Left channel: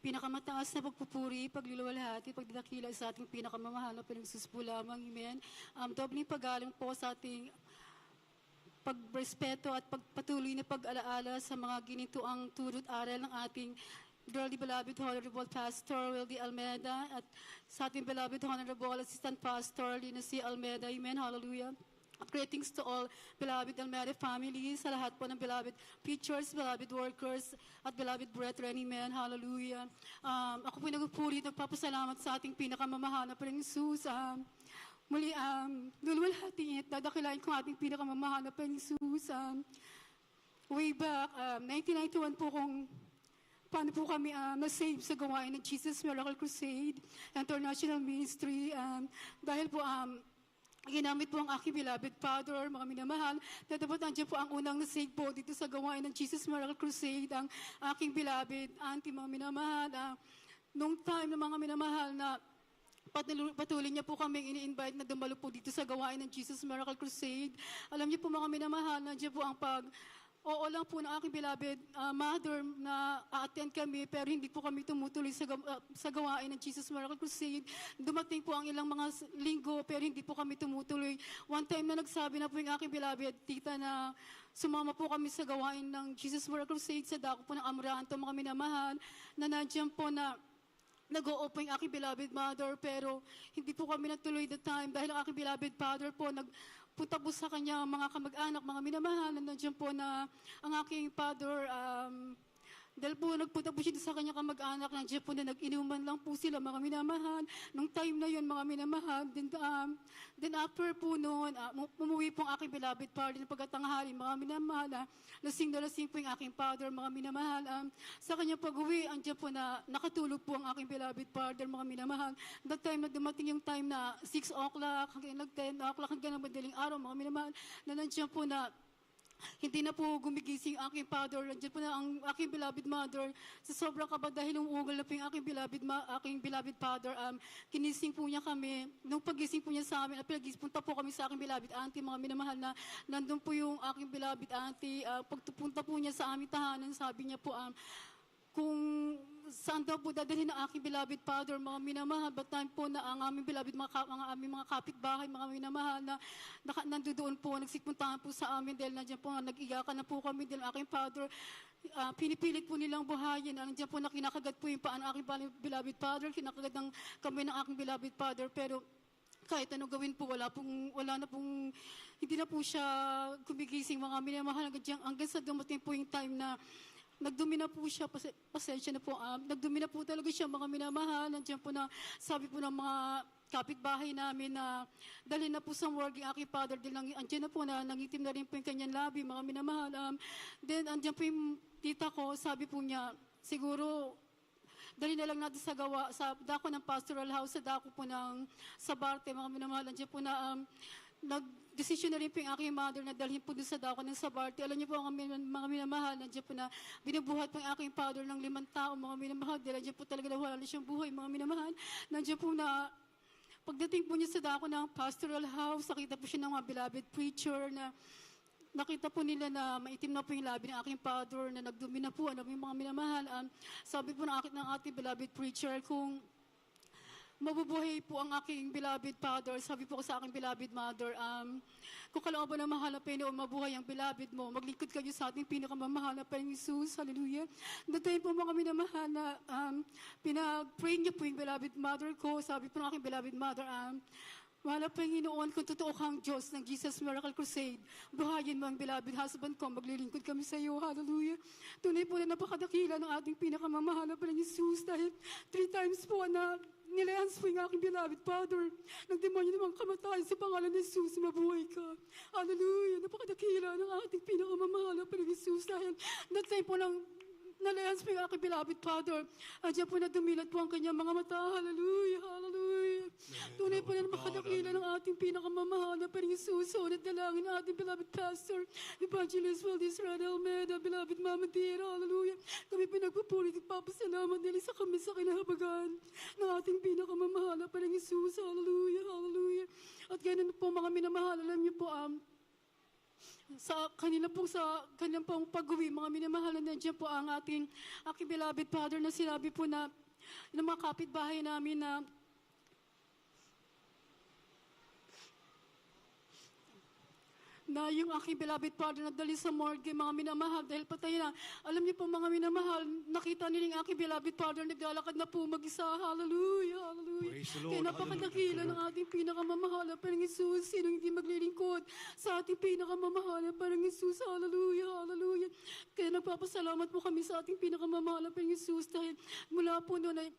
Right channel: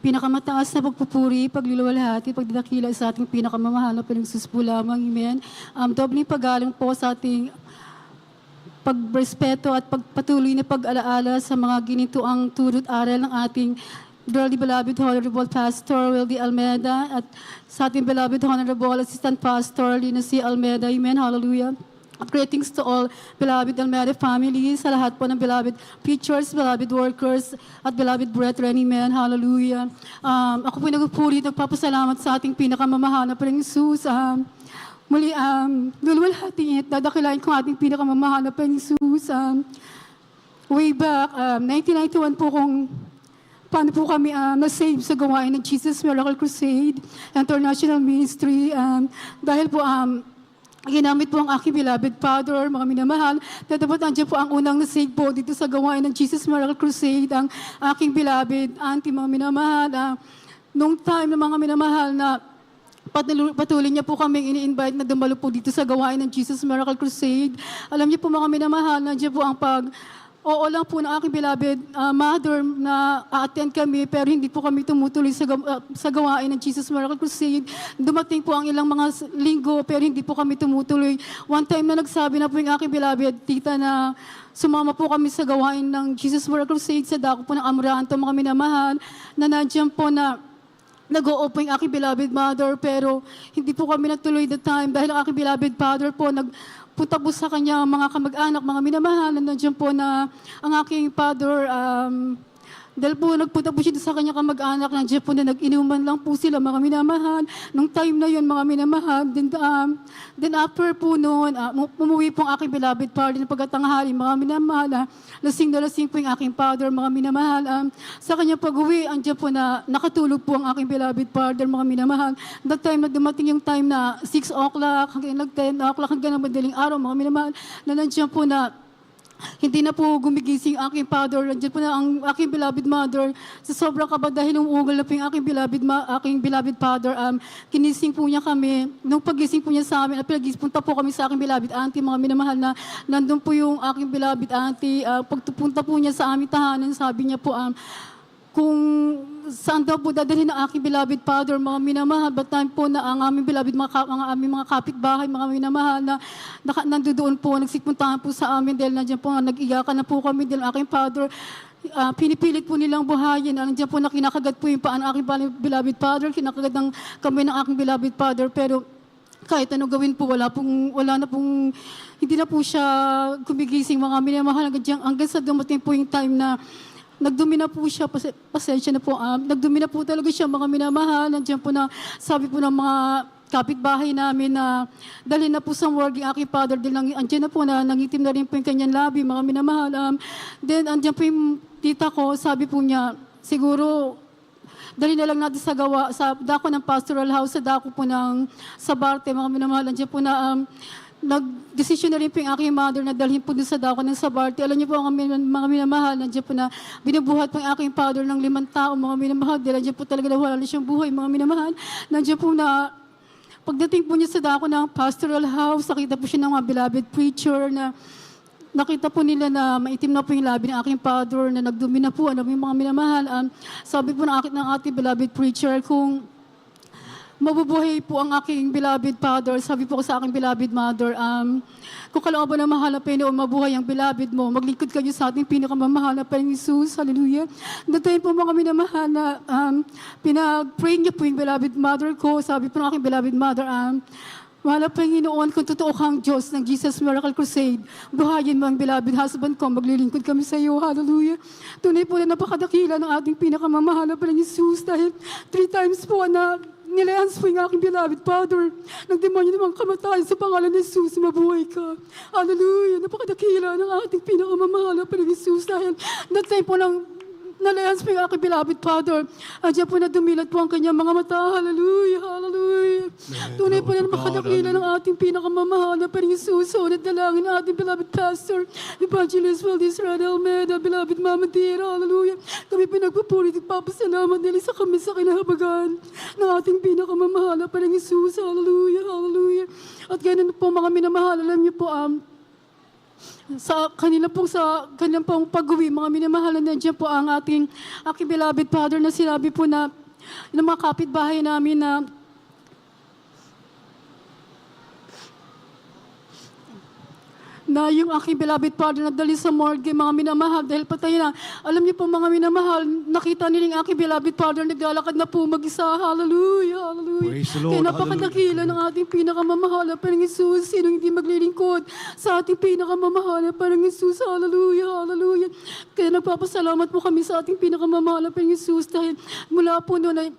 pinakamataas na pagpupuri, pagluluwalhati, pagdadakila sa ating pinakamamahal na Panginoon po lamang. Amen. Dobling paggalang po sa ating pagrespeto at pagpatuloy na pag-alaala sa mga ginituang turo't aral ng ating dearly beloved Honorable Pastor Wildy Almeida at sa ating beloved Honorable Assistant Pastor Lina C. Almeida. Amen. Hallelujah. Greetings to all beloved Almeida families, sa lahat po ng beloved preachers, beloved workers, at beloved brethren. Amen. Hallelujah. Ako po nagpupuri, nagpapasalamat sa ating pinakamamahal na Panginoong Jesus. Muli, luluwalhati at dadakilain ko ating pinakamamahal na Panginoong Jesus. Way back, 1991 po kung paano po kami na-save sa gawain ng Jesus Miracle Crusade International Ministry. Dahil po, ginamit po ang aking beloved Father, mga minamahal, na dapat nandiyan po ang unang nasave po dito sa gawain ng Jesus Miracle Crusade, ang aking beloved auntie, mga minamahal. Nung time ng mga minamahal na patuloy niya po kaming ini-invite na dumalo po dito sa gawain ng Jesus Miracle Crusade. Alam niyo po mga minamahal, nandiyan po ang oo lang po ng aking beloved mother na a-attend kami pero hindi po kami tumutuloy sa gawain ng Jesus Miracle Crusade. Dumating po ang ilang mga linggo pero hindi po kami tumutuloy. One time na nagsabi na po yung aking beloved tita na sumama po kami sa gawain ng Jesus Miracle Crusade sa dako po ng Amoranto, mga minamahal, na nandiyan po na nag-o-open yung aking beloved mother pero hindi po kami natuloy the time dahil ang aking beloved father po punta po sa kanya mga kamag-anak, mga minamahal, nandiyan po na ang aking father, dahil po nagpunta po siya sa kanya kamag-anak, nandiyan po na nag-inuman lang po sila, mga minamahal. Nung time na yun, mga minamahal, then after po noon, umuwi po ang aking beloved father ng pagkatanghali, mga minamahal, lasing na lasing po yung aking father, mga minamahal. Sa kanya pag-uwi, andiyan po na nakatulog po ang aking beloved father, mga minamahal. That time na dumating yung time na 6 o'clock, hanggang 10 o'clock, hanggang ng madaling araw, mga minamahal, na nandiyan po na hindi na po gumigising ang aking father. Nandiyan po na ang aking beloved mother. Sa sobrang kaba dahil umuugal na po yung aking beloved father. Kinising po niya kami. Nung pagising po niya sa amin, punta po kami sa aking beloved auntie, mga minamahal na nandun po yung aking beloved auntie. Pagpunta po niya sa aming tahanan, sabi niya po, kung saan daw po dadalhin ang aking beloved father, mga minamahal, but time po na ang aming beloved, aming mga kapitbahay, mga minamahal, na nandoon po, nagsipuntahan po sa amin dahil nandiyan po, nag-iyakan na po kami dahil aking father, pinipilit po nilang buhayin. Nandiyan po na kinakagat po yung paan ng aking beloved father, kinakagat ng kamay ng aking beloved father, pero kahit ano gawin po, hindi na po siya gumigising, mga minamahal, hanggang sa dumating po yung time na nagdumi na po siya, pasensya na po, nagdumi na po talaga siya, mga minamahal. Nandiyan po na, sabi po ng mga kapitbahay namin na dalhin na po sa morgue ang aking father. Dahil andyan na po na nangitim na rin po yung kanyang labi, mga minamahal. Then andyan po yung tita ko, sabi po niya, siguro, dalhin na lang natin sa dako ng pastoral house, sa dako po ng Sabarte, mga minamahal. Andyan po na, nag-decision na rin po yung aking mother na dalhin po dun sa dako ng Sabarte. Alam niyo po, ang mga minamahal, nandiyan po na binubuhat po yung aking father ng 5 tao, mga minamahal. Dahil nandiyan po talaga na wala na siyang buhay, mga minamahal. Nandiyan po na, pagdating po niya sa dako ng pastoral house, nakita po siya ng mga beloved preacher na nakita po nila na maitim na po yung labi ng aking father, na nagdumi na po, yung mga minamahal. Sabi po ng ating beloved preacher, kung mabubuhay po ang aking beloved father, sabi po ko sa aking beloved mother, kung kalooban na mahal na Panginoon, mabuhay ang beloved mo, maglingkod kayo sa ating pinakamamahal na Panginoon Jesus, hallelujah. Datayin po mga minamahal na pinag-pray niya po yung beloved mother ko, sabi po ng aking beloved mother, mahal na Panginoon, kung totoo kang Diyos ng Jesus Miracle Crusade, buhayin mo ang beloved husband ko, maglilingkod kami sa iyo, hallelujah. Tunay po na napakadakila ng ating pinakamamahal na Panginoon Jesus, dahil 3 times po na nilayans po yung aking beloved father. Nagdemonyo namang kamatayan sa pangalan ni Jesus, mabuhay ka. Hallelujah. Napakadakila ng ating pinakamamahal na Panginoon Jesus. Dahil that time po ng nalayans po yung aking beloved father. Andiyan po na dumilat po ang kanyang mga mata. Hallelujah, hallelujah. Tunay po na makadakila ng ating pinakamamahal na Panginoon Jesus. Unat dalangin ng ating beloved pastor, Evangelist Valdez Rada Almeida, beloved Mama Dear, hallelujah. Kami pinagpupuri at papasalamat nila sa kami sa kinahabagan ng ating pinakamamahal na Panginoon Jesus. Hallelujah, hallelujah. At ganun po mga minamahal, alam niyo po, sa kanila pong pag-uwi, mga minamahal na nandiyan po ang aking beloved father na sinabi po na ng mga kapitbahay namin na yung aking beloved father na dali sa morgue, mga minamahal, dahil patay na. Alam niyo po mga minamahal, nakita nila yung aking beloved father, naglalakad na po mag-isa. Hallelujah, hallelujah. Praise the Lord, Kaya napakadakila ng ating pinakamamahal na parang Jesus. Sino hindi maglilingkod sa ating pinakamamahal na parang Jesus. Hallelujah, hallelujah. Kaya nagpapasalamat po kami sa ating pinakamamahal na parang Jesus dahil mula po noon ay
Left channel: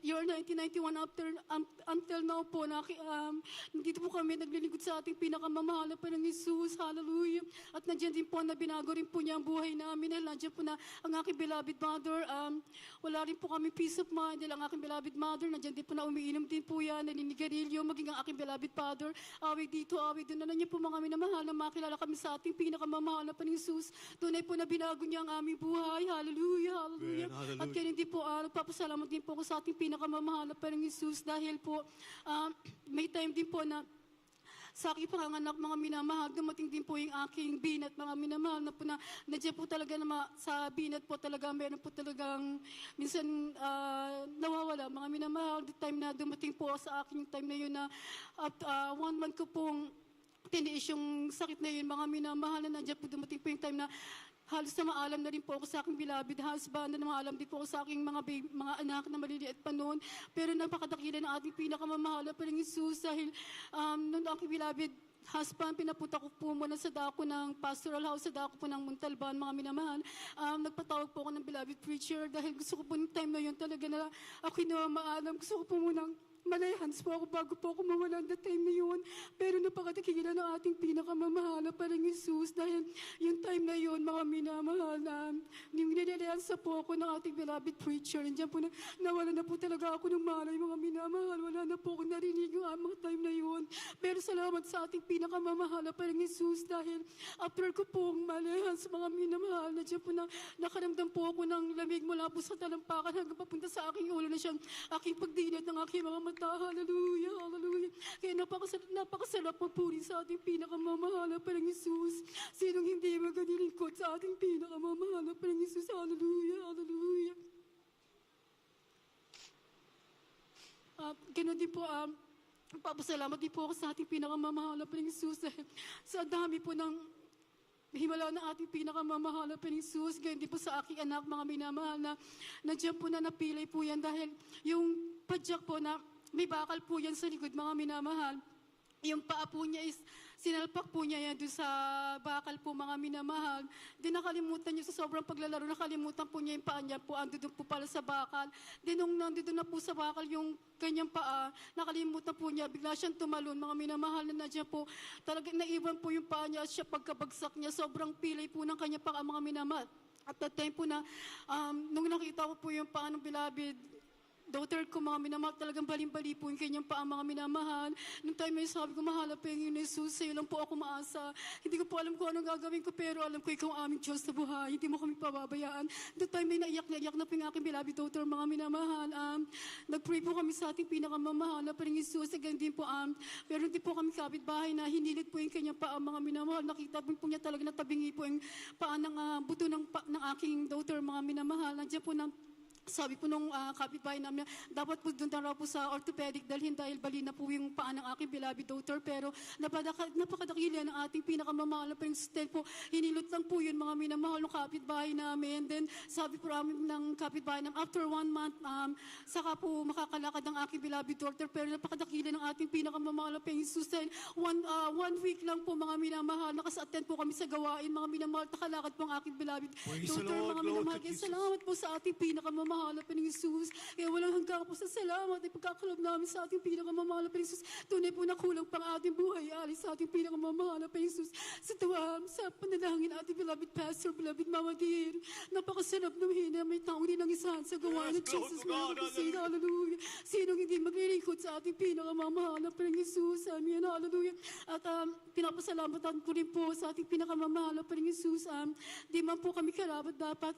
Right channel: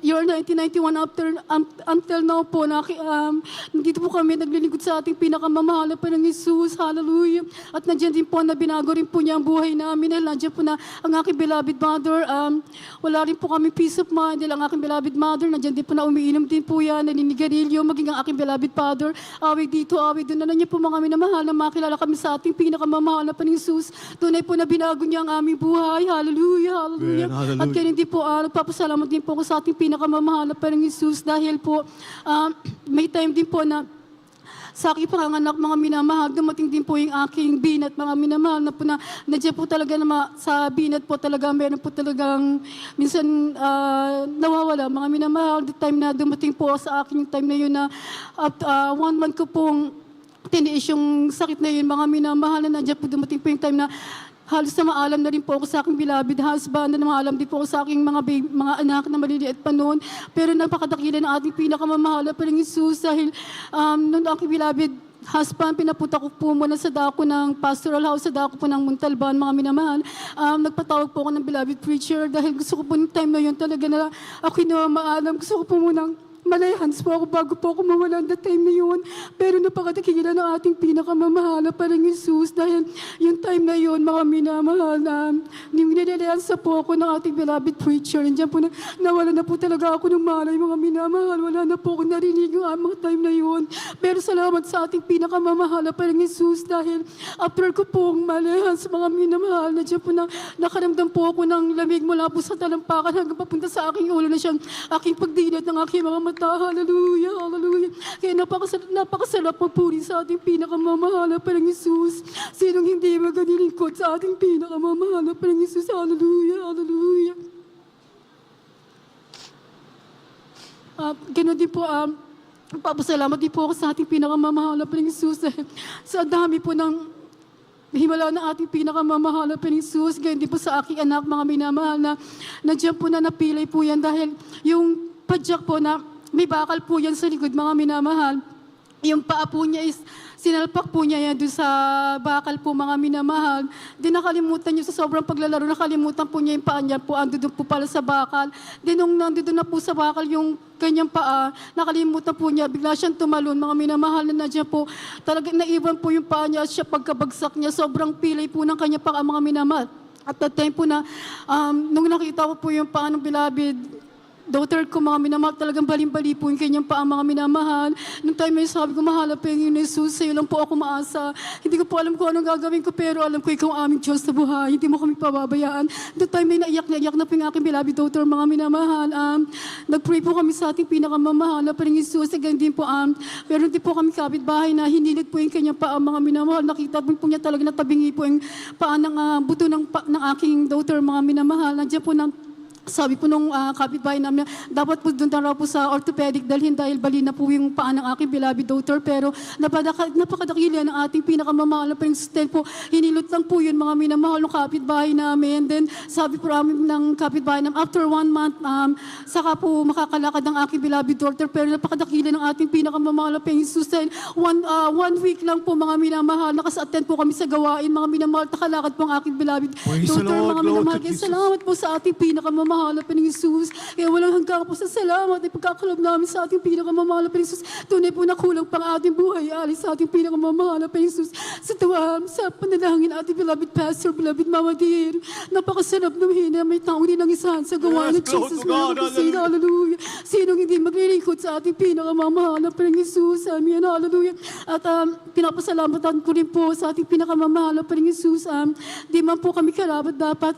year 1991 until now po, nandito po kami naglilingkod sa ating pinakamamahal na Panginoong Jesus. Hallelujah. At nandiyan din po na binago rin po niya ang buhay namin. Dahil nandiyan po na ang aking beloved mother. Wala rin po kami peace of mind. Dahil ang aking beloved mother, nandiyan din po na umiinom din po yan, naninigarilyo, maging ang aking beloved father. Away dito, away doon. Na niya po mga minamahal na makilala kami sa ating pinakamamahal na Panginoong Jesus. Tunay po na binago niya ang aming buhay. Hallelujah, hallelujah. Amen, hallelujah. At kaya hindi po, nagpapasalamat din po ako sa ating pinakamamahal na Panginoong Jesus dahil po may time din po na sa aking panganganak, mga minamahal, dumating din po yung aking binat, mga minamahal, na po na nandiyan po talaga na sa binat po talaga, meron po talagang minsan nawawala, mga minamahal, the time na dumating po sa akin yung time na yun na 1 month ko pong tiniis yung sakit na yun, mga minamahal, na nandiyan po dumating po yung time na halos na maalam na rin po ako sa aking beloved husband, na maalam din po ako sa aking mga anak na maliliit pa noon. Pero napakadakila ng ating pinakamamahal na Panginoong Jesus dahil noon aking beloved husband, pinapunta ko po muna sa dako ng pastoral house, sa dako po ng Montalban, mga minamahal. Nagpatawag po ako ng beloved preacher dahil gusto ko po yung time na yun talaga na ako na maalam. Gusto ko po munang malayhans po ako bago po ako mawalan the time na yun. Pero napakadakila ng ating pinakamamahal na parang Jesus dahil yung time na yun, mga minamahal na nililiansa po ako ng ating beloved preacher. Nandiyan po na nawala na po talaga ako ng malay, mga minamahal. Wala na po ako narinig yung mga time na yun. Pero salamat sa ating pinakamamahal na parang Jesus dahil after ko pong malayhans, mga minamahal, nandiyan po na nakaramdam po ako ng lamig mula po sa talampakan hanggang papunta sa aking ulo na siyang aking pagdilat ng aking mga mata. Hallelujah, hallelujah. Kaya napakasarap magpuri sa ating pinakamamahal na Panginoong Jesus. Sinong hindi maganilingkod sa ating pinakamamahal na Panginoong Jesus. Hallelujah, hallelujah. Ganoon din po, papasalamat din po ako sa ating pinakamamahal na Panginoong Jesus. Sa dami po ng himala ng ating pinakamamahal na Panginoong Jesus. Ganyan din po sa aking anak, mga minamahal na nandiyan po na napilay po yan dahil yung padyak po na may bakal po yan sa likod, mga minamahal. Yung paa po niya is, sinalpak po niya yan doon sa bakal po, mga minamahal. Then nakalimutan niyo sa sobrang paglalaro, nakalimutan po niya yung paa niya po, ando doon po pala sa bakal. Then nung nandito na po sa bakal yung kanyang paa, nakalimutan po niya, bigla siyang tumalon, mga minamahal na nandiyan po. Talagang naiwan po yung paa niya at siya pagkabagsak niya, sobrang pilay po ng kanyang paa, mga minamahal. At that time po na, nung nakita ko po yung paa ng beloved daughter ko, mga minamahal, talagang baling-bali po yung kanyang paa, mga minamahal. Nung time na yun, sabi ko, mahal pa yung Jesus, sa'yo lang po ako maasa. Hindi ko po alam kung anong gagawin ko, pero alam ko ikaw ang aming Diyos sa buhay. Hindi mo kami pababayaan. Nung time na yun, naiyak na po yung aking beloved daughter, mga minamahal. Nag-pray po kami sa ating pinakamamahal na Panginoong Jesus. Again din po, meron din po kami kapitbahay na hinilid po yung kanyang paa, mga minamahal. Nakita po niya talaga na tabingi po yung paa ng buto ng aking daughter, mga minamahal. Nandiyan po sabi po nung kapitbahay namin, dapat po doon na raw po sa orthopedic dalhin dahil bali na po yung paa ng aking beloved daughter. Pero napakadakila ng ating pinakamamahal na Panginoon po. Hinilot lang po yun, mga minamahal ng kapitbahay namin. Then sabi po namin ng kapitbahay namin, after 1 month, saka po makakalakad ang aking beloved daughter. Pero napakadakila ng ating pinakamamahal na Panginoon. Dahil 1 week lang po, mga minamahal, nakasa-attend po kami sa gawain, mga minamahal, nakalakad po ang aking beloved daughter, mga minamahal. Kaya salamat po sa ating pinakamamahal na Panginoong Jesus. Kaya walang hanggang po sa salamat at pagkakalob namin sa ating pinakamamahal na Panginoong Jesus. Tunay po na kulang pang ating buhay, alis sa ating pinakamamahal na Panginoong Jesus. Sa tuwa, sa panalangin ating beloved pastor, beloved Mama Dear, napakasarap ng hina, may taong ninangisahan sa gawa ng Jesus. Hallelujah. Sinong hindi maglilingkod sa ating pinakamamahal na Panginoong Jesus. Amen. Hallelujah. At pinapasalamatan ko rin po sa ating pinakamamahal na Panginoong Jesus. Di man po kami karapat, dapat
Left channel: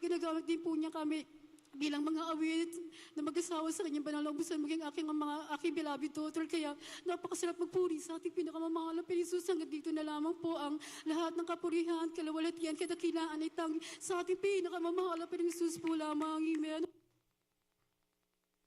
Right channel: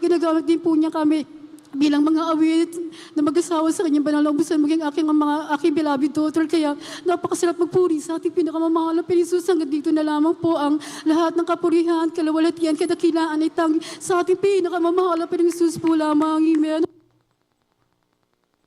ginagamit din po niya kami bilang mga awit na mag-asawa sa kanyang banal na ubusan, maging aking beloved daughter. Kaya napakasarap magpuri sa ating pinakamamahal na Pilisus. Hanggang dito na lamang po ang lahat ng kapurihan, kalawalatian, kadakilaan ay tanging sa ating pinakamamahal na Pilisus po lamang. Amen.